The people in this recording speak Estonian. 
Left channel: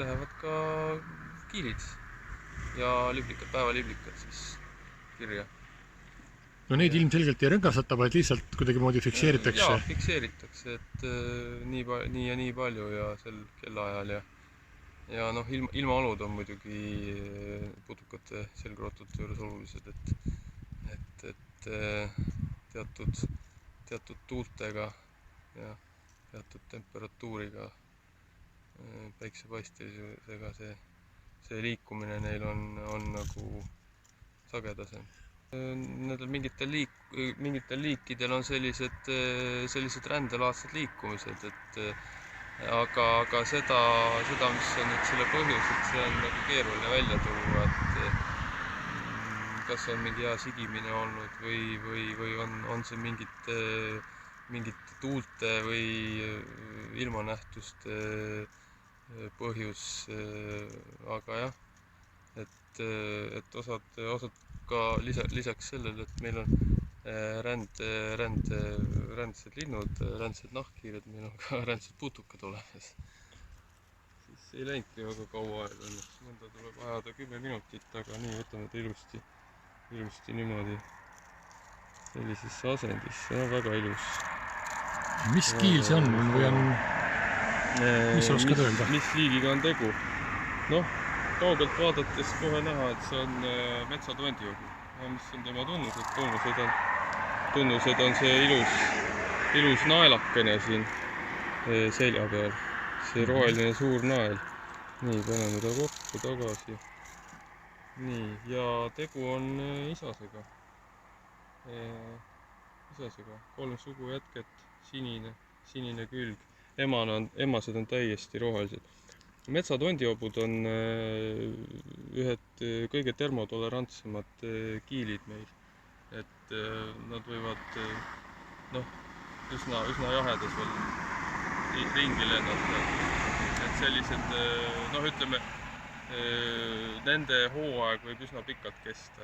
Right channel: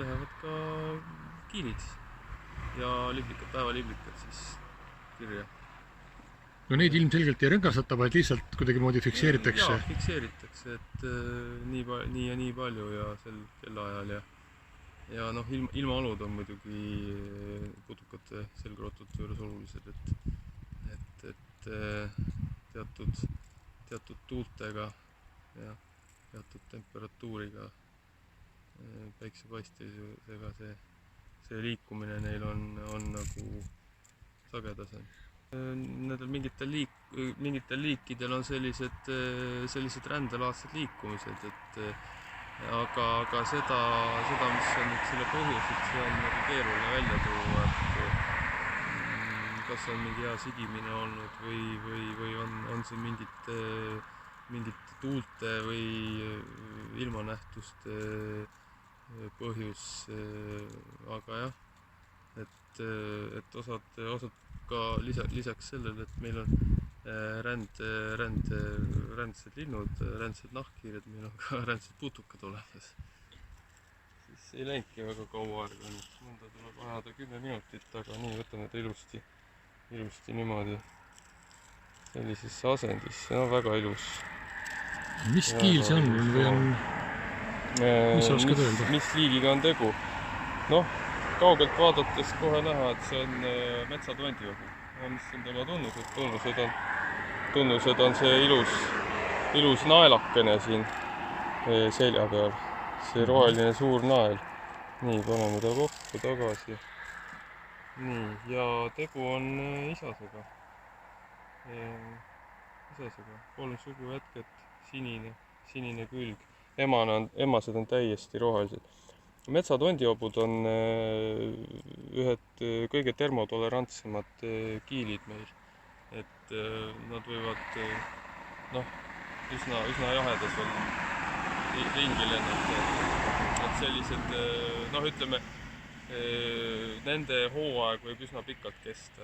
lähevad ka kiilid ja päevaliblikad siis kirja. No neid ilmselgelt ei rõngasata, vaid lihtsalt kuidagi moodi fikseeritakse. Jaa, fikseeritakse, et nii ja nii palju ja sel kellaajal ja noh, ilmaolud on muidugi putukate selgrootute juures olulised, et teatud tuultega ja teatud temperatuuriga päiksepaistelisega see liikumine neil on nagu sagedasem. Nendel mingitel liikidel on sellised rändelaadsed liikumised, aga seda, mis on nüüd selle põhjus, et see on nagu keeruline välja tuua, et kas on mingi hea sigimine olnud või on see mingite tuulte või ilmanähtuste põhjus, aga jah, et osad ka lisaks sellele, et meil on rändsed linnud, rändsed nahkhiired, meil on ka rändsed putukad olemas. Siis ei läinudki väga kaua aega, õnneks mõnda tuleb ajada 10 minutit, aga nii võtame ta ilusti niimoodi sellisesse asendisse, no väga ilus. Mis kiil see on või on, mis sa oskad öelda? Mis liigiga on tegu? Noh, kaugelt vaadates kohe näha, et see on metsatondiobu. Mis on tema tunnused? Tunnused on see ilus naelakene siin selja peal. See roheline suur nael. Nii, paneme ta kokku tagasi. Nii, ja tegu on isasega. 3 sugujätket, sinine külg. Emased on täiesti rohelised. Metsatondioobud on ühed kõige termotolerantsemad kiilid meil, et nad võivad üsna jahedasel ringi lennata, et sellised, ütleme, nende hooaeg võib üsna pikalt kesta.